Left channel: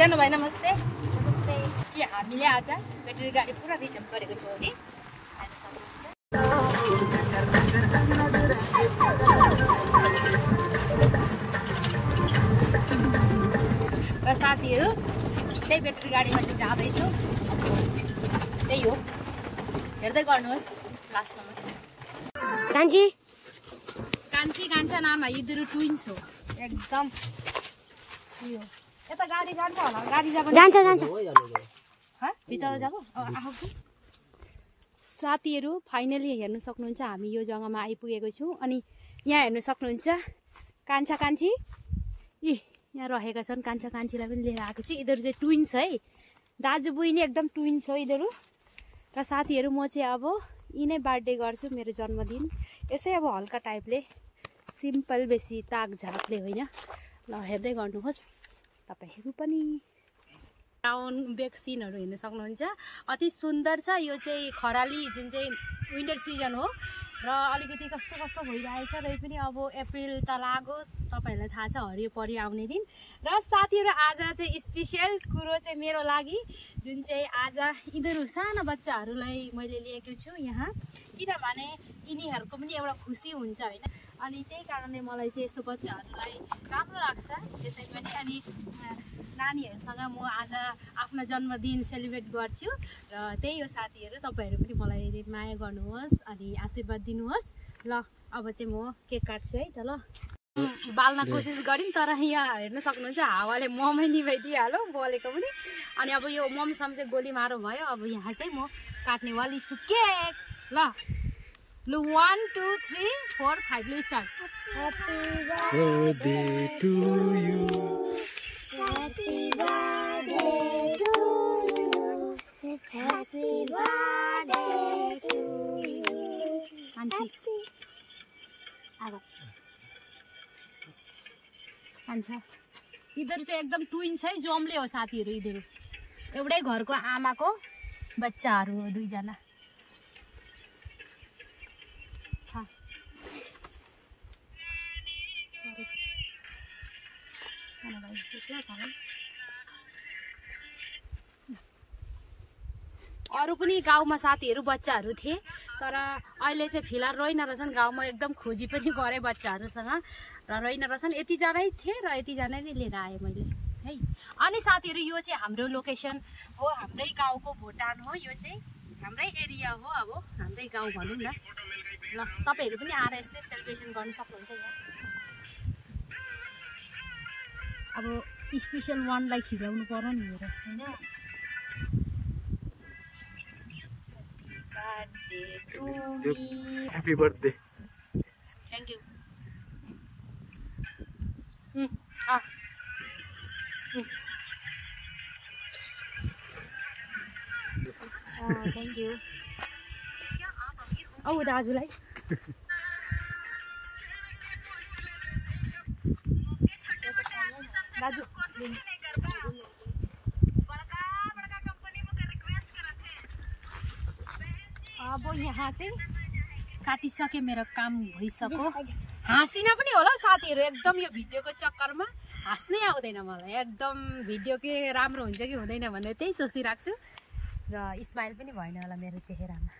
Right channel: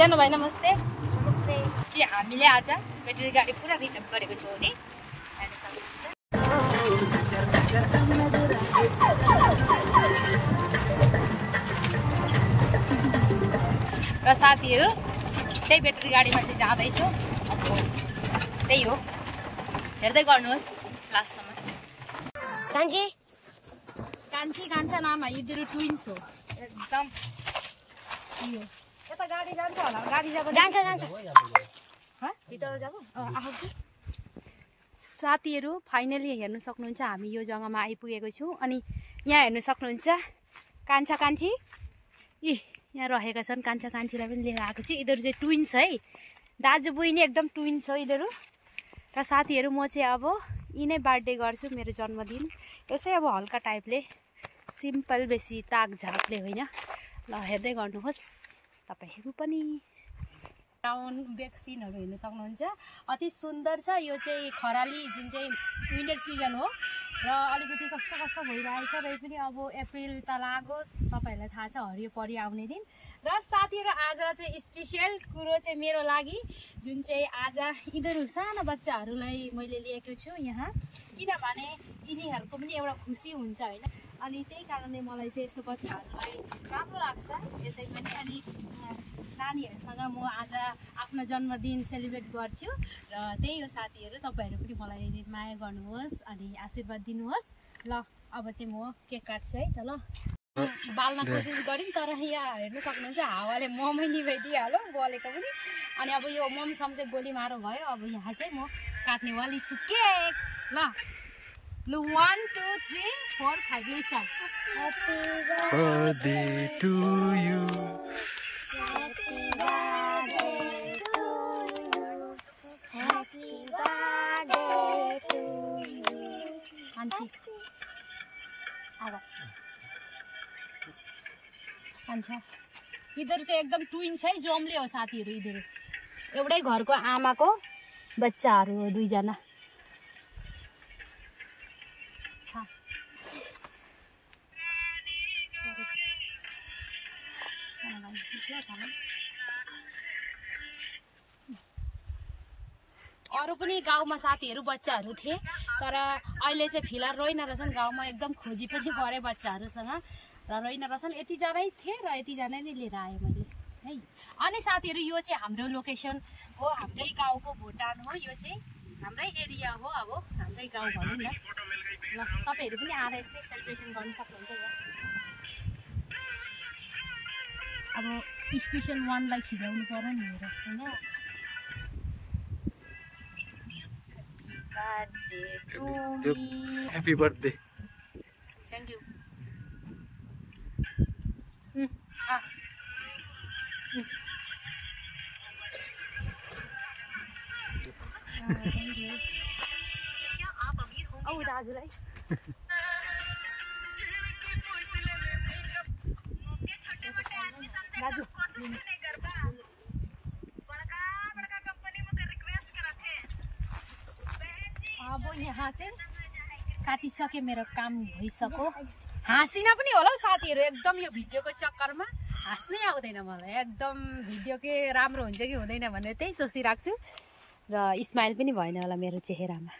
सानो भाइ नमस्ते। नमस्ते। के हामीले आज ब्याट्री गाडी पुरा रिजर्भ गरेको छौँ नि। र साथीहरू त्यही ब्याट्री गाडीमा चाहिँ जाँदैछु। अब त्यही हो, हेर्दै गर्नुहोस् लास्टसम्म। कान्छी कान्छी कान्छा नाम यिनीहरू ट्विन्स हो एकदम। यता गाडी जान्छ होला, गाडी जान्छ जान्छ। भित्र जाऊ आफू। साथीहरू फाइनली हेर्नु सक्नुहुन्छ हामी यो जग्गामा आइपुगेको छौँ। अनि यहाँ हेर्नु सक्नुहुन्छ कान्छा कान्छी यहाँ रहेका छन्। कान्छा कान्छीलाई पनि लिएर आएको छु। यिनीहरू चाहिँ ट्विन्स है, दाजु बहिनी एकदम ट्विन्स हो यिनीहरू। र साथीहरू म चाहिँ अब यिनै बर्थडे गर्छु, मेरो जन्मदिन यसै अब हल्का टाइपले, सिम्पल, बेसी ताक झाकले होइन। ल हेर्दै गर्नुहोस् तपाईँहरू पनि। टाउन ब्याक सिनहरू हेर्न सक्नुहुन्छ, अति सुन्दर छ। यो चाहिँ खराली जुन चाहिँ विन्टर सिजन हो र अलिकति कस्तो कस्तो भइरहेछ। र पनि अब अप्रिल त लाग्यो, तपाईँहरूलाई थाहा छ हरियो परि आउने दिन। र साथीहरू आज चाहिँ स्पेसियल कुरो चाहिँ मेरो लागि, जुन चाहिँ आज यिनीहरू साना बच्चाहरूलाई मैले लिएको छु यहाँ, किनभने यिनीहरूको पनि एउटा खुसी हुन्छ होइन। अनि त्यही कारणले मलाई चाहिँ यस्तो बच्चाहरूलाई राम्रो लाग्छ यसै पनि। अनि नानीहरूसँग म आज आफ्नो जन्मदिन सेलिब्रेट गर्छु। र त्यही हो साथीहरू, तपाईँहरू पनि मलाई माया गर्नुहोस् अनि आशीर्वाद दिनुहोस्। ल अब चाहिँ म केक काट्छु है त। ल बाल्न कोसिस गऱ्यौँ, तर यहाँ हेर्नु सक्नुहुन्छ हावाले ममै निभाइदिइहाल्यो बलेको पनि। अनि अब यो ममसम चाहिँ गोली मारो भयो। अब यहाँ चाहिँ म काट्नेवाली छु केक। ल लु 1 2 3 4 5 लु start. Happy birthday to you. Happy birthday to you. Happy birthday to you. कान्छी आगो कान्छा। यिनीहरू चाहिँ एकदम ट्विन्स है, जम्ले हो साथीहरू। यिनीहरू एउटै घरको आमाको बच्चाहरू हो, दुईजना। अरू पनि गाउँमा साथीहरू बच्चाहरू थिए, तर अहिले चाहिँ फिलहाल रहेन रहेछन् गाउँमा। एकदम खोजी पनि गरेँ बच्चाहरूसँग र रहेन रहेछन्। यतिजनै थिए र यतिजना नै लिएर आएँ मैले है। अनि साथीहरू यो चाहिँ हाम्रो लोकेसन हो, हाम्रै गाउँको भुटान हो। यो चाहिँ हाम्रै एरिया हो, अब हाम्रै गाउँ भनौँ न। ल तपाईँहरू पनि आएर यस्तै सेलिब्रेसन गर्नु सक्नुहुन्छ यहाँ। अब स्पेसल वानलाई खिलाउनु पर्यो नि हेर होइन। Happy birthday. Thank you. Thank you. Oh, दाजुलाई दाजु अब यहाँ चाहिँ काटिसके, मेरो काम भइसक्यो। हाँसिन पनि होला साथीहरू, एकदम यो भिडियोको चक्करमा हाँस्नै आउँदैन मलाई। एकदम भिडियो के राम्रो हुन्छ कि हुँदैन भनेर त्यही सोचिरहेको छु। र स्माइल पनि भएन होला मेरो चेहरामा।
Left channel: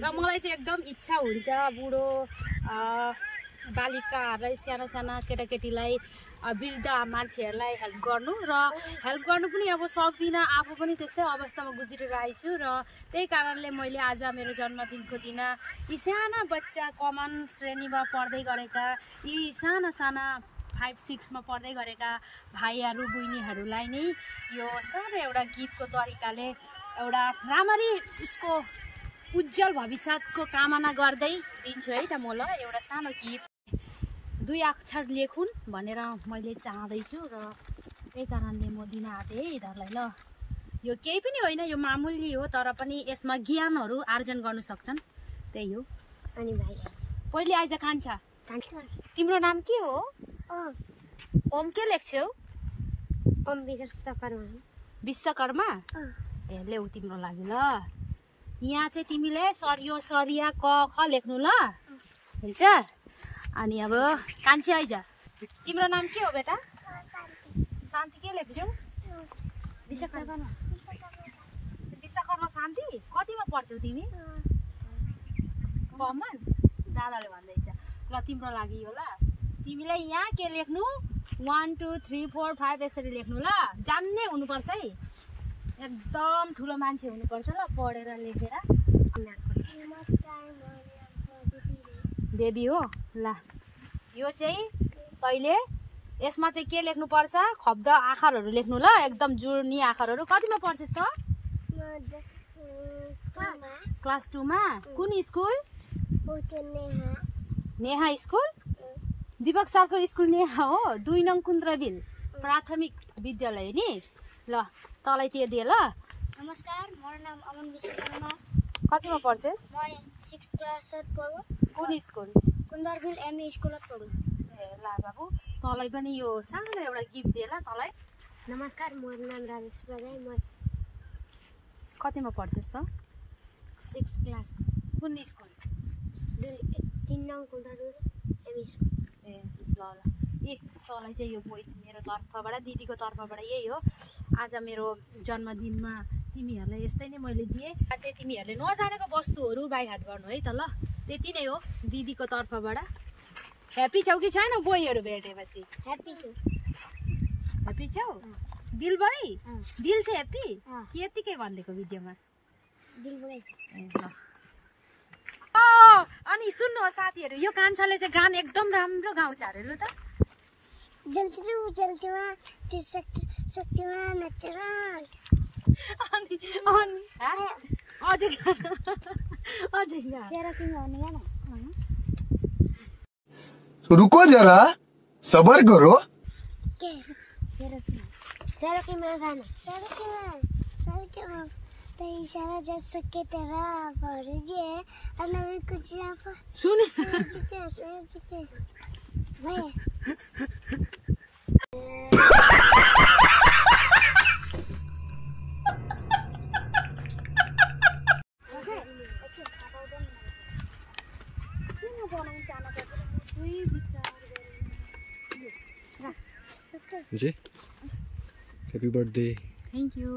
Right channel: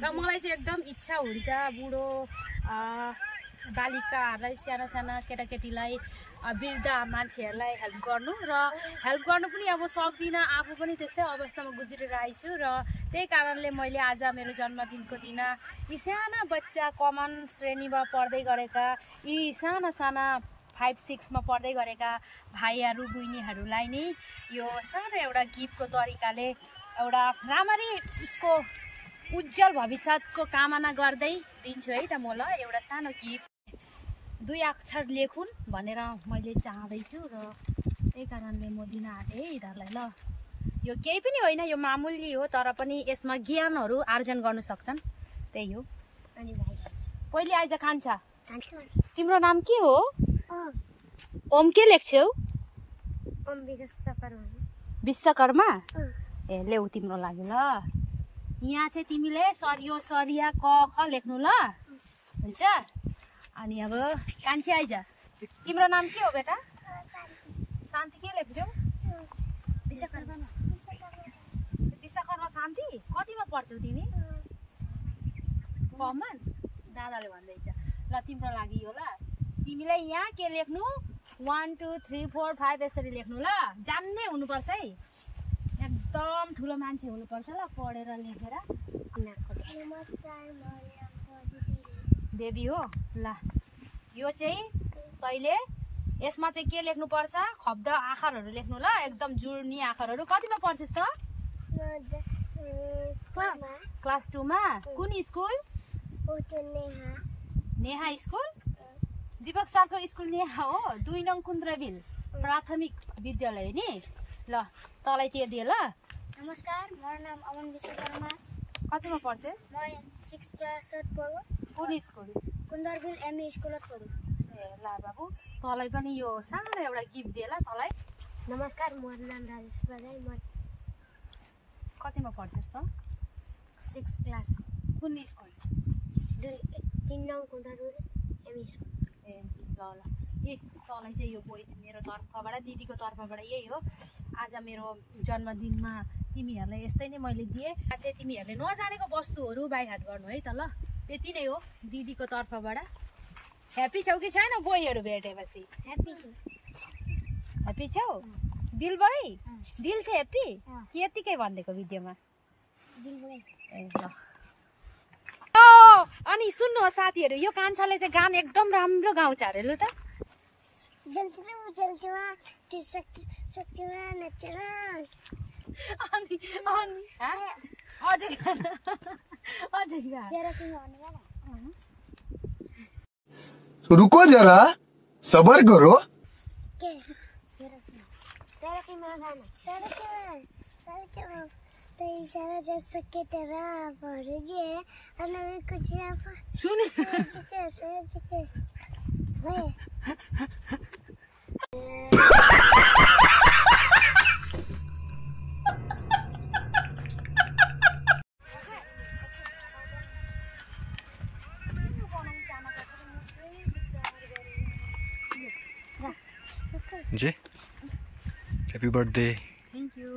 र मलाई चाहिँ एकदम इच्छा हुन्छ बुढो बालिकाहरूलाई, साना साना केटाकेटीलाई, वृद्ध मान्छेहरूलाई हेल्प गर्नु। र हेल्प गर्नु पनि अब सक्दिनँ, आफू पनि त्यस्तै अवस्थामा गुज्रिरहेको छु। र त्यही कारणले मैले आज मेरो जन्मदिनको दिन यी साना बच्चा, कमन श्रेणीमा पढ्दै गरेका, यी साना साना 5 6 मा पढ्दै गरेका भाइहरू बहिनीहरूलाई नै यो सानो एउटा गिफ्टको तरिकाले एउटा राम्ररी उसको उज्जवल भविष्यको कामना गर्दै दिन्छु है त म। ल एउटा सानो गिफ्ट, 2 अक्षर लेखुन् भनेर मैले चाहँदैछु र त्यही कारणले म दिन आँटेँ है यिनीहरूलाई। ल यो केही पनि होइन, यो मामुली हो, तर पनि यसमा ज्ञानहरू आर्जन गर्न सक्छन्, त्यही हो। अनि भाइ पहिले आइज कान्छा, तिम्रो नाम के हो? ओम के लेख्छौ? ओम विश्वकर्मा। विश्वकर्मा? ए ल्याउ तिम्रो लागि। ल यहाँ चाहिँ तिमीले सरियो सरिया क ख लेख्नु ल, हुन्छ? अनि अब कान्छी आइज, तिम्रो नाम के हो बेटा? शान्ति के लेख्छौ? विश्वकर्मा शान्ति कतिमा पढ्छौ तिमी कमन दादाले भन्दैछ ल तिम्रो लागि यो ल तिमीलाई यहाँ के लेख्नु 1 2 3 4 5 यसरी लेख्नु ल जान्ने हुनुपर्छ है एकदम ठुलो मान्छे हुनुपर्छ ल पढेर लेखेर देवी हो ल यो चाहिँ तैले यसमा चाहिँ के लेख्नुपर्छ शब्द आखरहरू लेख्नु ल एकदम जुर्नी आखरहरू कतिमा पढ्छस् त क्लास 2 मा कुन स्कुल नेहा स्कुल दीपक सरको स्कुल नेहा हो 2 नङ कुन्द्रबिल प्राथमिक विद्यालय नि ल तँलाई त्यो दिए ल नमस्कार मेरो नाम अमन विश्वकर्मा कतिमा पढ्छस् म 6th क्लास पढ्छु कुन स्कुल कुन्दरबिल एमई स्कुलमा पढ्छु ए ल बाबु तँलाई पनि यो सानो एउटा गिफ्ट दिए ल तँलाई नमस्कार मेरो नाम राजेश बजाई म कतिमा पढ्छस् त 6th क्लास कुन स्कुल 3 नङ कुन्दरबिल एमई स्कुल ए ल ल ए तँलाई चाहिँ यो मेरो तर्फबाट दिदीको तर्फबाट यही हो आज मेरो जन्मदिनमा तिमीहरूलाई यस्तै नै मैले दिएँ आज चाहिँ तिमीहरूले नजानेको वस्तुहरू बाइहाट गर्नु है त ल त्यति नै हो दिदीको तर्फबाट ह्याप्पी छौ कि छैन बोईहरू भेटेपछि ह्याप्पी छु ह्याप्पी छौ दिलबाटै दिल चाहिँ ह्याप्पी कि यतिकै भनिदिएको भिडियोमा दिलबाटै ए ल अनि सुन्नुहोस् साथीहरू यो कान्छाले चाहिँ गान एकदम राम्रो गाउँछ अरे लु त जल्तीमा शक्तिमा नचेर अनि अझै रुको जरा सबर करो सड़कीमा गाना सड़कीमा तो इशारा जस सके तेरा भर जे अनवी कुछ ना सुने सोच के भाई जी हैप्पी बर्थडे थैंक यू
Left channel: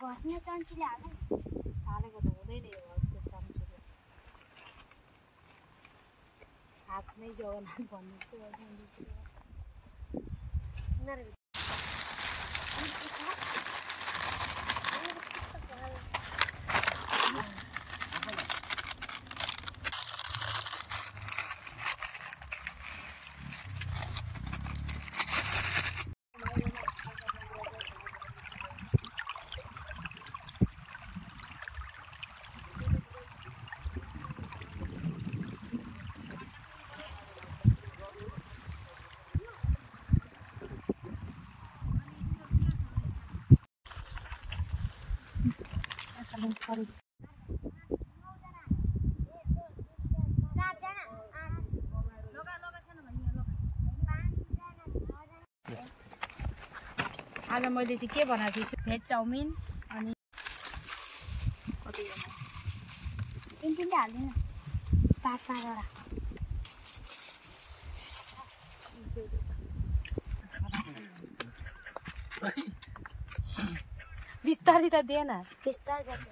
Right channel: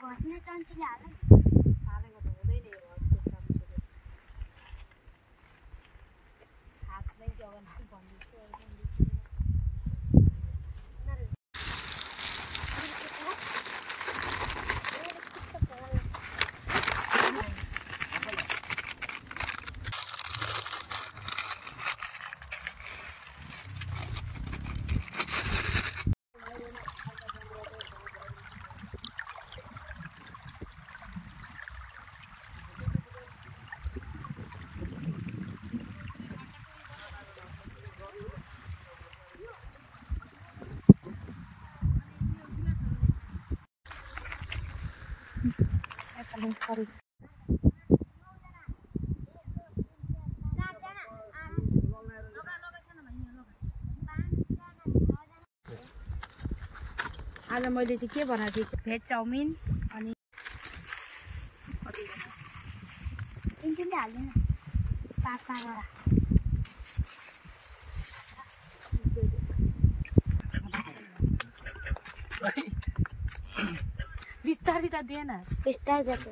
घट्न चान्चुले हालेको त हुँदैन हातमै जगन्नाथ भन्नु आज मैले चाहिँ के बनाएको थिएँ भेज चाउमिन अनि तिनले हाल्दैन साथमा बिस्तारै त दिएन बिस्तारै गर्छ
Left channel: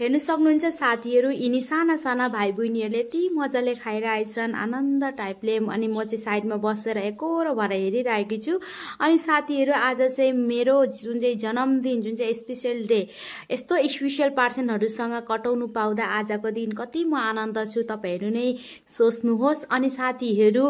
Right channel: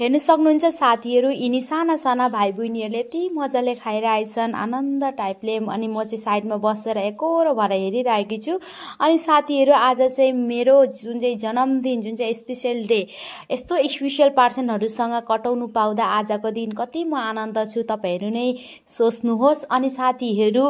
हेर्नु सक्नुहुन्छ साथीहरू यिनी साना साना भाइ बहिनीहरूले यति मजाले खाइरहेछन् आनन्द टाइपले अनि म चाहिँ साइडमा बसेर एकोरो भएर हेरिरहेकी छु अनि साथीहरू आज चाहिँ मेरो जुन चाहिँ जन्मदिन जुन चाहिँ स्पेशल डे यस्तो स्पेशल पर्सनहरूसँग कटाउनु पाउँदा आजको दिन कति म आनन्द छु तपाईहरु नै सोच्नुहोस् अनि साथीहरू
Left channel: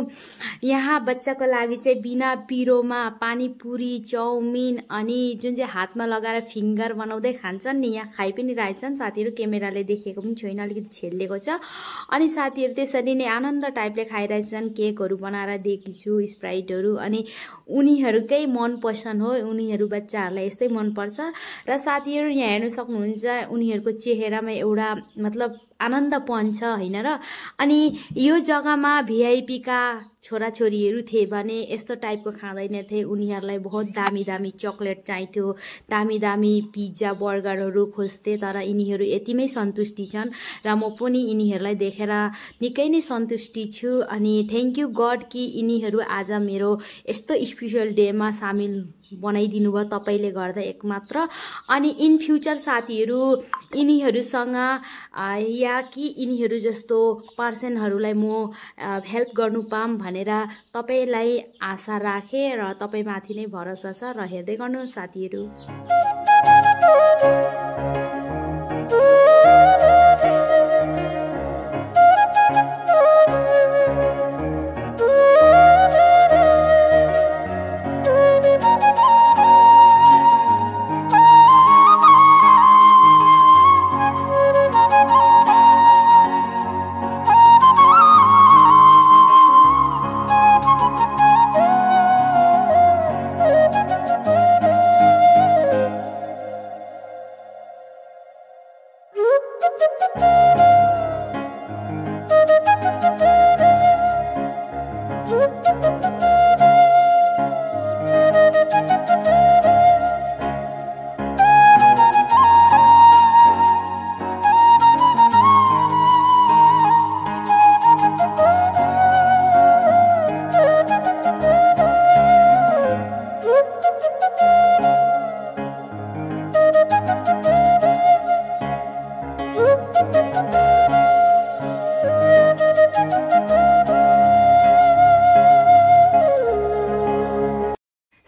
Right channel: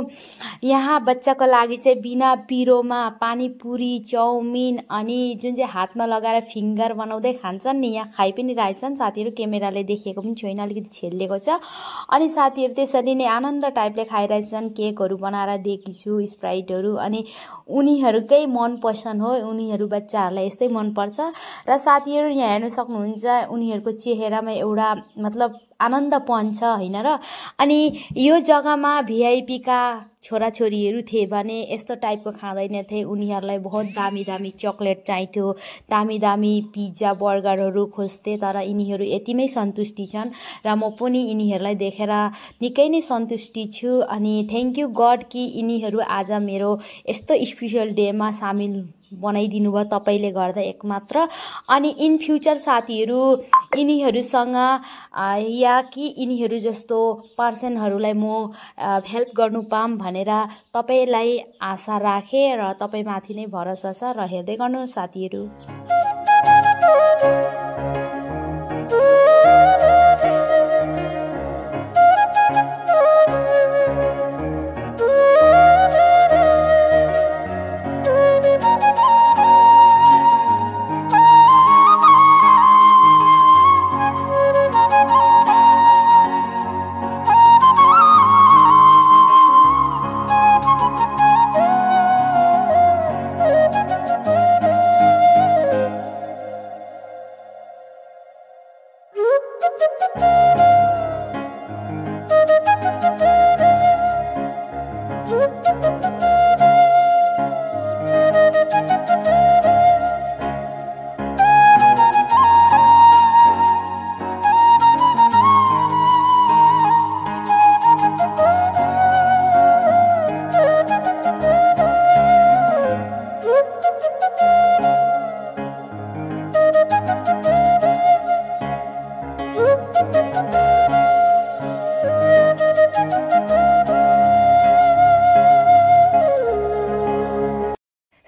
यहाँ बच्चाको लागि चाहिँ बिना पिरोमा पानीपुरी चाउमिन अनि जुन चाहिँ हातमा लगाएर फिंगर बनाउँदै खान्छन् नि यहाँ खाइ पनि रहेछन् साथी साथीहरू क्यामेराले देखेको पनि छैन, अलिकति छेलिएको छ। अनि साथीहरू त्यसरी नै आनन्द टाइपले खाइरहेछन्, केकहरू बनाएर दिएकी छु, स्प्राइटहरू। अनि उनीहरूकै मनपसन्द हो, उनीहरू बच्चाहरूलाई यस्तै मनपर्छ। र साथीहरू यहाँ हेर्न सक्नुहुन्छ उनीहरूको चेहरामा एउटा मतलब आनन्दपन छ होइन र। अनि यो जग्गामा भिआइपी का छोराछोरीहरू थिए भने यस्तो टाइपको खाँदैनथे, उनीहरूलाई बहुत दामी दामी चक्लेट चाहिन्थ्यो, दामी दामी पिज्जा बर्गरहरू खोज्थे, तर यिनीहरू यतिमै सन्तुष्टि छन् र म पनि यिनीहरूलाई देखेर निकै नै सन्तुष्टि छु। अनि थ्याङ्क यू गड कि यिनीहरू आज मेरो यस्तो स्पेसल डेमा सामेल बनाइदिनु भयो तपाईँले गर्दा एकमात्र। अनि इन फ्युचर साथीहरू यिनीहरूसँग या कि यिनीहरू जस्तो पर्सनहरूलाई म हेल्प गर्नु पाऊँ भनेर तपाईँलाई आशा राखेँ र तपाईँमाथि नै भरोसा छ र हेर्दै गर्नुहोस् साथीहरू।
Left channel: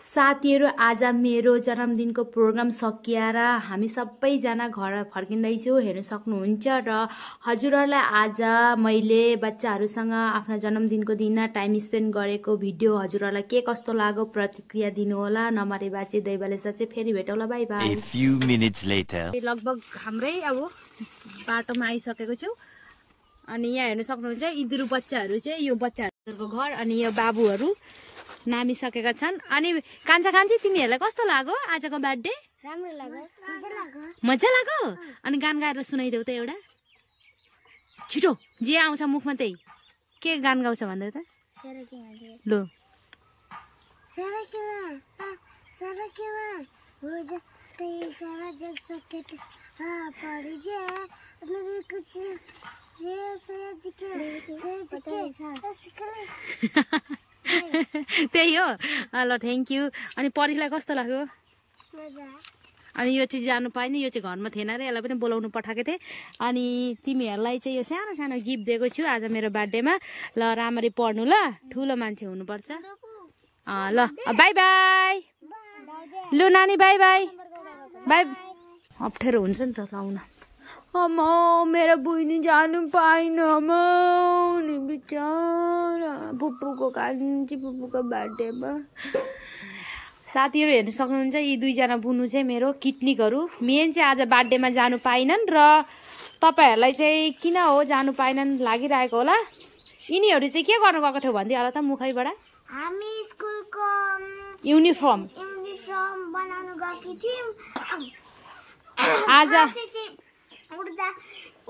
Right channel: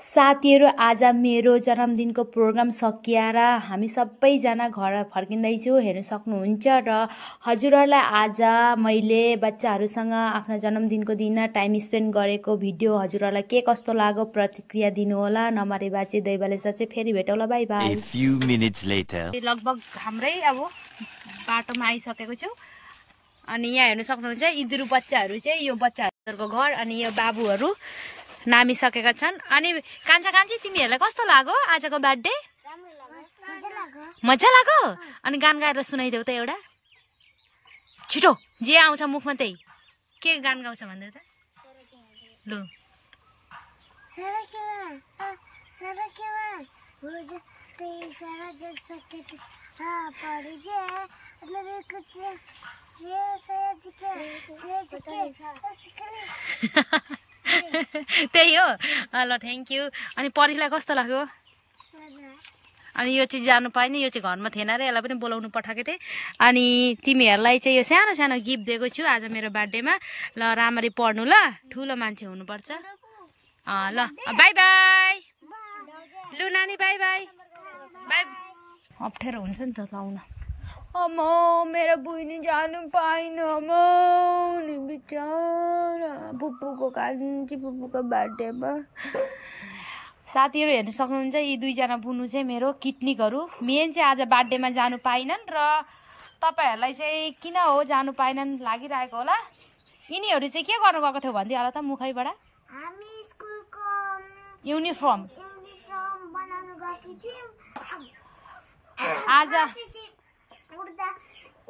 साथीहरू आज मेरो जन्मदिनको प्रोग्राम सकिएर हामी सबैजना घर फर्किँदैछु, हेर्न सक्नुहुन्छ। र हजुरहरूलाई आज मैले बच्चाहरूसँग आफ्नो जन्मदिनको दिन टाइम स्पेन्ड गरेको भिडियो हजुरहरूलाई के कस्तो लाग्यो प्रतिक्रिया दिनुहोला। नमरे बाचे दैवाले साँच्चै फेरि भेटौँला, bye bye. A few minutes later. लगभग हाम्रै अब बाटोमा आइसकेको छु। अनि यहाँ हेर्न सक्नुहुन्छ यिनीहरू बच्चाहरू चाहिँ यो बच्चाहरूको घर अनि यो बाबुहरू नामिसकेका छन्। अनि कान्छा कान्छी तिमीहरूलाई कस्तो लाग्यो आजको बर्थडे? मजा लाग्यो? अनि गान गाएर सुनाइदेऊ त एउटा छिटो, जे आउँछ मुखमा त्यही। के गान गाउँछ भन्दै त लु। त्यही हो ल, थ्याङ्क यू। अनि परीलाई कस्तो लाग्यो? अनि यो चाहिँ जानु पाएन, यो चाहिँ घरमा थिएन र यसलाई पनि बोलाउनु पठाएको थिएँ। अनि तिमीहरूलाई चाहिँ यो सानो सानो गिफ्ट दिएको छु आज मेरो बर्थडेमा। ल राम्ररी पढ्नु ल, ठुलो मान्छे हुनुपर्छ। ल बाई बाई। लु नानी बाई बाई बाई। अप्ठ्यारो हुन्छ नि त लाउन। अम्मा मेरो बुइनी जानु पाइन, अम्मा नि बिचारा पुप्पूको कान्छी पुप्पूको बर्थडेमा। साथीहरू हेर्न सक्नुहुन्छ यी दुईजना बुनु चाहिँ मेरो किटनिकहरू मेन चाहिँ आज बर्थडेमा जानु पाइनन् र तपाईँहरूलाई चाहिँ किन हो जानु पाइनन् लागिरहेको होला। यिनीहरू चाहिँ के गर्नु गएको थियो भन्दै होला त मुखैबाट? हामी स्कुलको युनिफर्म बनाउनु गएकी थियौँ। आज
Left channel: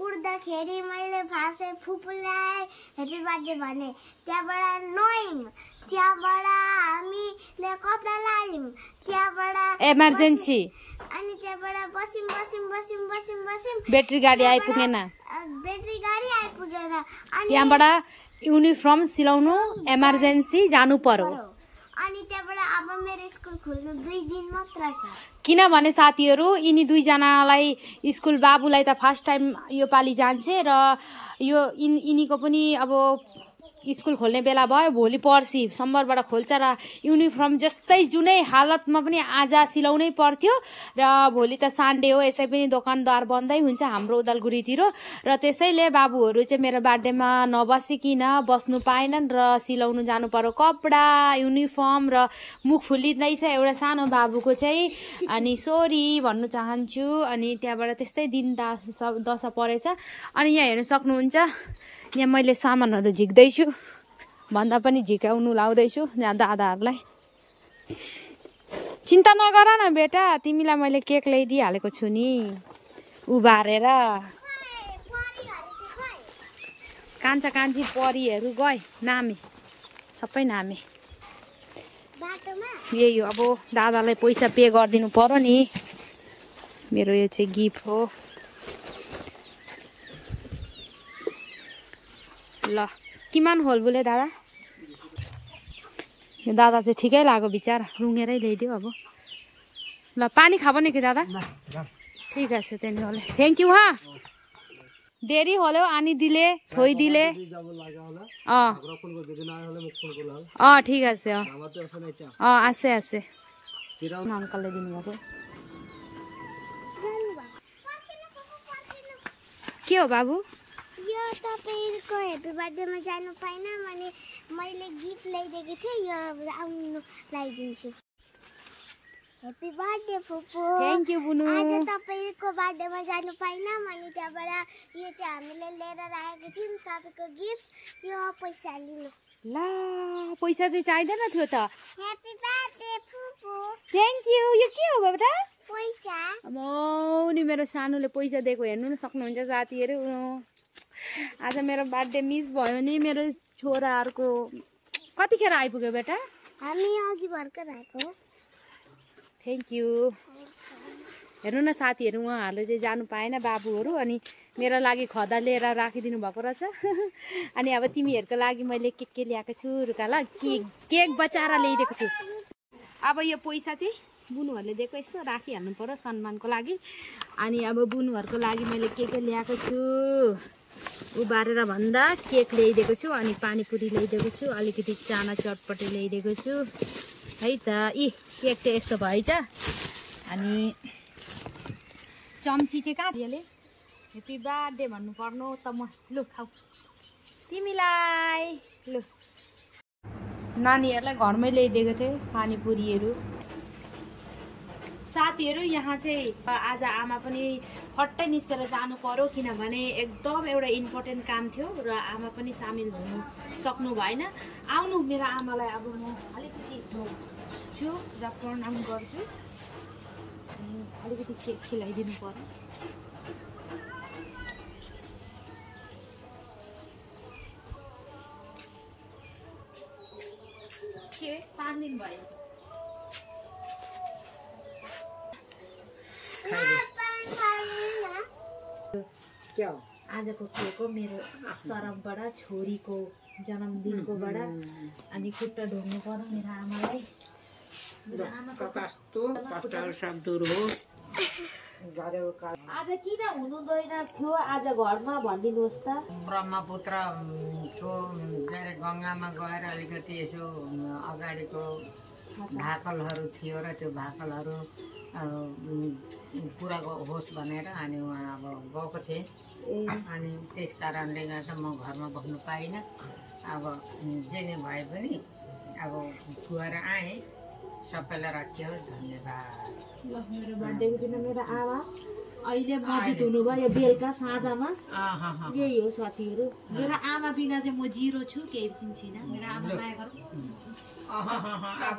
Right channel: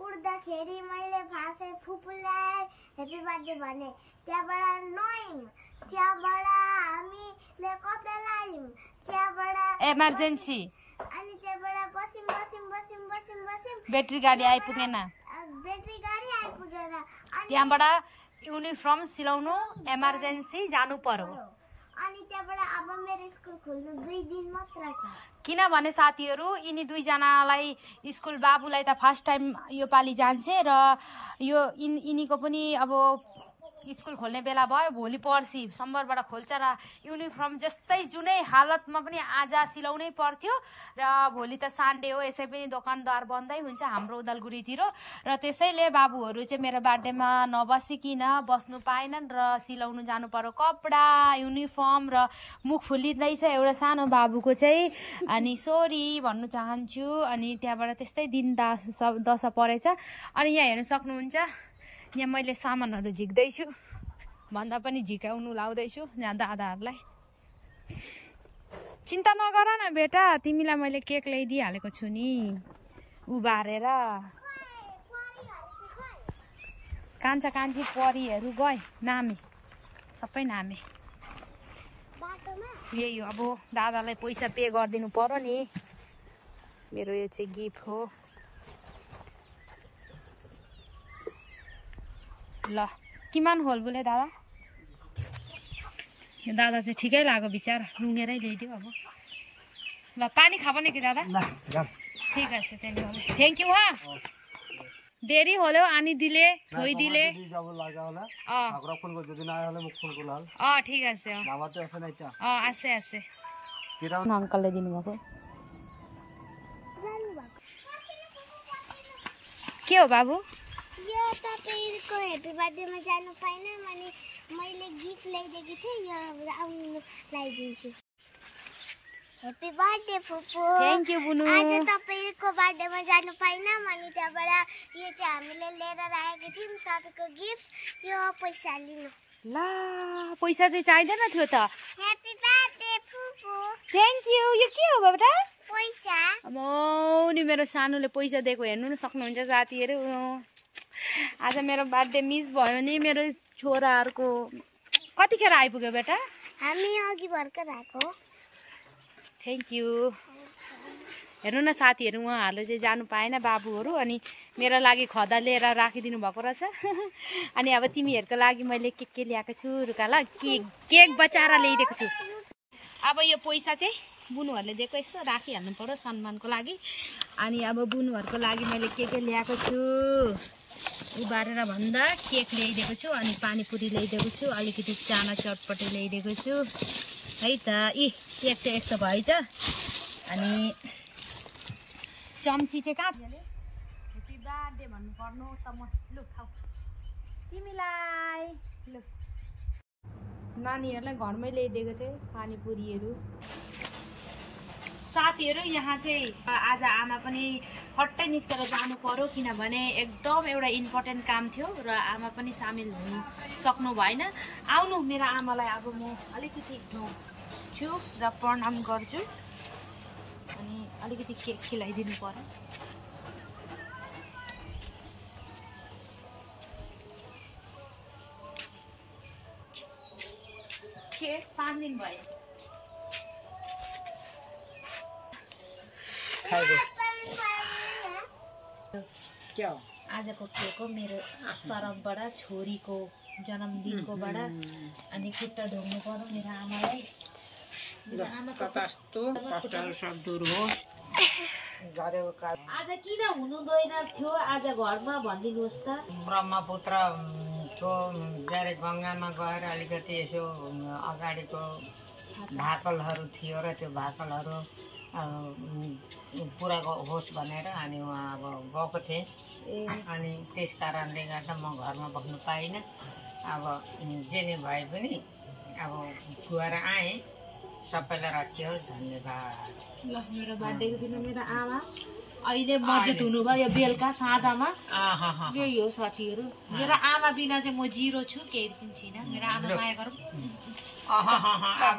उड्दाखेरि मैले फार्स्ट फुपूलाई हेप्पी बर्थडे भने, त्यहाँबाट नुहायौँ, त्यहाँबाट हामीले कपडा लायौँ, त्यहाँबाट इमर्जेन्सी अनि त्यहाँबाट बस्यौँ ब्याट्री गाडी आइपुगेन, अनि त्यहाँबाट युनिफर्म सिलाउनु इमर्जेन्सी जानु पर्यो। अनि त्यहाँबाट अब मेरो स्कुल खुल्नु 2 दिन मात्र छ। किनभने साथीहरू यिनी दुईजनालाई स्कुल बाबुलाई त फर्स्ट टाइम यो पालि जान्छे र यो यिनीको पनि अब स्कुल खोल्ने बेला भयो भोलि पर्सि सोमबारबाट खोल्छ र युनिफर्म जस्तै जुनै हालतमा पनि आज सिलाउनै पर्थ्यो र भोलि त सन्डे हो यसै पनि दोकानदार बन्दै हुन्छ हाम्रो उदालगुरीतिर र त्यसैले बाबुहरू चाहिँ मेरो बर्थडेमा नबसिकिन बस्नु पाएनन् र सिलाउनु जानु पर्यो कपडा युनिफर्म र मुख फुलिँदैछ एउटा सानो बाबुको चाहिँ अनि सरी भन्नु चाहन्छु अनि त्यहाँबाट त्यस्तै दिन दशा परेछ अनि यहाँ हेर्न सक्नुहुन्छ यहाँ मैले सामानहरू झिक्दैछु भन्दा पनि झिकाउनु लाउँदैछु यहाँ दादाहरूलाई चिन्ता नगर न बेटा तिमीलाई मैले केक ल्याइदिइहालेको छु नि उभारेर कान्छा कान्छी परीहरू गए नामे सबै नामे यही हो अब दादालाई पैसा पे गरिदिनु पर्यो नि मेरो यो चाहिँ गिफ्ट हो ल किमान होल बोले दादा यो दादा चाहिँ ठिकै लाग्यो बिचारा रुँगेरै ल्याइदियो अब ल पानी खाबो नि कि दादा ठीक আছে তেনেহলে थैंक यू हाँ देरी হলেও আনি দিলে থই দিলে ঠিক আছে আছে আছে আঙ্কললে দিनुभएको के हो बाबु यो तपाईको ह्यापी बर्थडेमा जानु पाइन अनि मैले गिफ्ट ल्याइदिएको थिएँ यो आउनु ल्याइदिन्छु ह्यापी बर्थडे फुपू थ्यांक यू बुनु आज तपाईको बर्थडेमा जानु पाइन अनि त्यहाँबाट यो चाहिँ हामीले लिएर राखेको थियौँ तपाईको गिफ्ट यो पैसा लिनु ला पैसा चाहिँ चाहिदैन थियो त ह्यापी बर्थडे फुपू थ्यांक यू यो के हो बेटा पैसा मौनी मेरो सानोले पैसा दिएको हेर्नु न सक्नुहुन्छ साथीहरू आज मेरो बर्थडे मिस भयो नि मेरो छोराहरूको कतिखेर आइपुग्यो बेटा हामी अघि भर्खर आएको थ्यांक यू हेर्नु न साथीहरू उहाँहरूले चाहिँ जानु पाएन बाबुहरू अनि मेरो लागि खदा लिएर राखिदिनु भएको रहेछ अनि अब तिमीहरूको लागि मैले के ल्याएको छु रुका ल केक बचाएर ल्याइदिएको छु अब यो पैसा चाहिँ बुनुहरूले दिएको यसो राखिहाल्नु पर्यो सम्मानको लागि अनि अब बुनुहरूको लागि मैले के ल्याएको छु उबारेर भन्दा केक ल्याइदिएको छु अनि पानीपुरी ल्याइदिएको छु अलिकति चाना चटपटी ल्याइदिएको छु है त केक चाहिँ यस्तो भएछ अनि चम्ची चाहिँ कहाँ यसले ह्यापी बर्थडे भन्नु पर्नु त म लु खाऊ तिमीलाई लु नानीहरूलाई घरमै ल्याइदिएको थिएँ पानीपुरीहरू साथीहरू यहाँ चाहिँ आज आमा पनि हट्टै निस्केर जानु पर्यो किनभने एकदम एउटा इम्पोर्टेन्ट काम थियो र आमा पनि सामेल हुनु सक्नु भएन आउनु मेरो आमालाई अब म अलिकति छु र प्रणाम गर्छु अनि अलिकति केक खिलाइदिनु पर्यो केक 5 दिन भयो आजको केक हो मेरो तर्फबाट छोरीको जन्मदिनकोबाट अनि खुट्टा ढोग्नु पर्यो मेरो आमालाई आज किन हुनु गएर थियो आज घरमा भनिदिनुहोस् त ब्रह्मपुत्र गङ्गामा गएर अलिकति यसो अगाडिको भाकलहरू थियो र त्यो भाकलहरू पुरा होस् भनेर अनि उहाँ अब गएको थिएँ अनि त्यस कारणले गर्दा म घरमा बस्नु पाइनँ अब जे नै भए पनि अब गएर आएँ सबैलाई रक्षा होस् धन्यवाद ल मेरो बर्थडेको दिन मेरो आमा अहिले मजित हुनुभयो बेलुका साँझमा यही हो साथीहरू मेरो आमा बिना चाहिँ म जिरो छु केही पनि छैन मेरो आमा माया गरौँ अब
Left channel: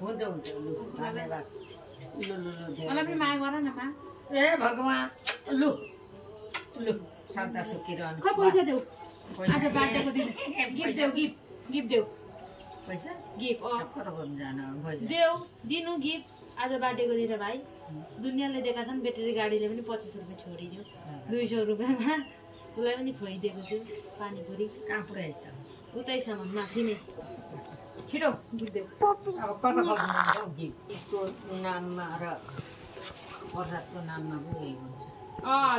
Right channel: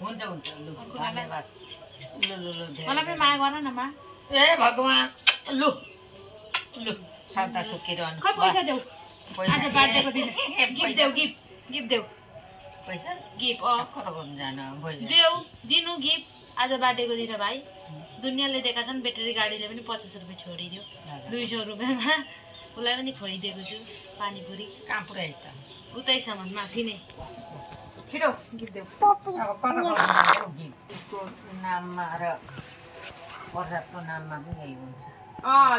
हुन्छ हुन्छ लु धन्यवाद लु लु लु मलाई पनि माया गर न मा ए भगवान् लु लु सदा सुखिरहनु खै पैसा देऊ आज बर्थडेको दिन गिफ्ट देऊ गिफ्ट देऊ पैसा गिफ्ट देऊ दिनु गिफ्ट आज बर्थडेको दिन भाइ दुनियाँले दिएका छन् ब्याट्री गाडीले पनि 50 रुपियाँ छोडिदियो 200 रुपियाँमा उसलाई पनि खुवाइदिएको छु पानीपुरी कहाँ पुऱ्याइ त उतैसम्म माथि नै छिटो गिफ्ट देऊ अब कता गर्नु गिफ्टको नाममा र प्रसादको नाममा पनि यही हुन्छ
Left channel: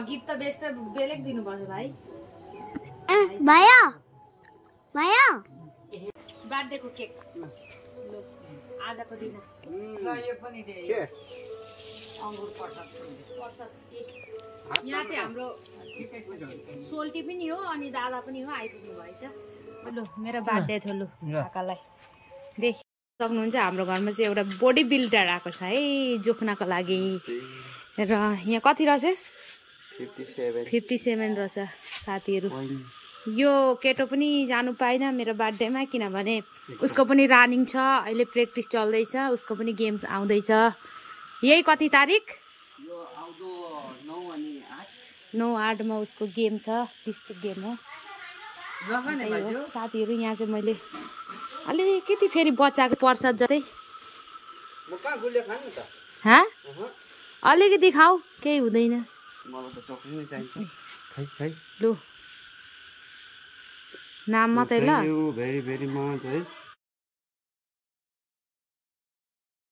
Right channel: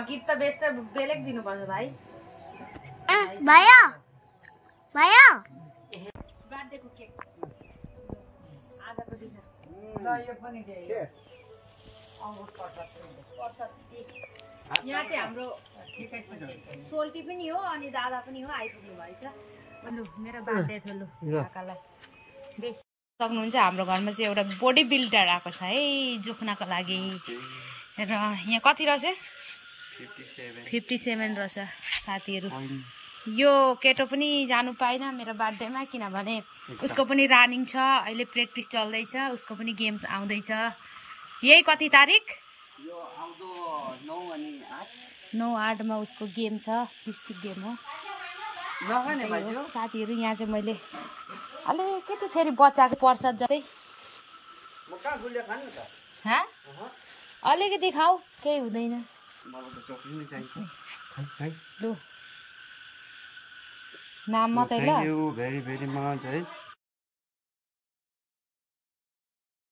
गिफ्ट त बेस्ट बेलेग दिनुपर्छ भाइ भयो भयो बर्थडेको केक आजको दिन यो पनि दे अङ्गुर प्रसाद केक यहाँ चाहिँ हाम्रो सोल्टी पनि हो अनि दादा पनि हो आइपुग्नु भएछ लु मेरो बर्थडे थियो लु काकालाई देख सक्नुहुन्छ हाम्रो घरमा चाहिँ एउटा बडी बिल्डर आएको छ है जोख्नको लागि र यहाँ कति रहेछ 57 रहेछ साथीहरू यो केटो पनि जानु पाएन मेरो बर्थडेमा किनभने उसको पनि रनिङ छ अहिले प्र्याक्टिस चल्दैछ उसको पनि गेम्स आउँदैछ यही कति तारिक 9/8 मा उसको गेम छ डिस्ट्रिक्ट गेम हो साथीहरू यहाँ चाहिँ मैले अलिकति फेरि बच्चाको प्रसाद जतै अलिकति खाऊ केही हुँदैन लु नाम मात्रै ल भेरी भेरी मच है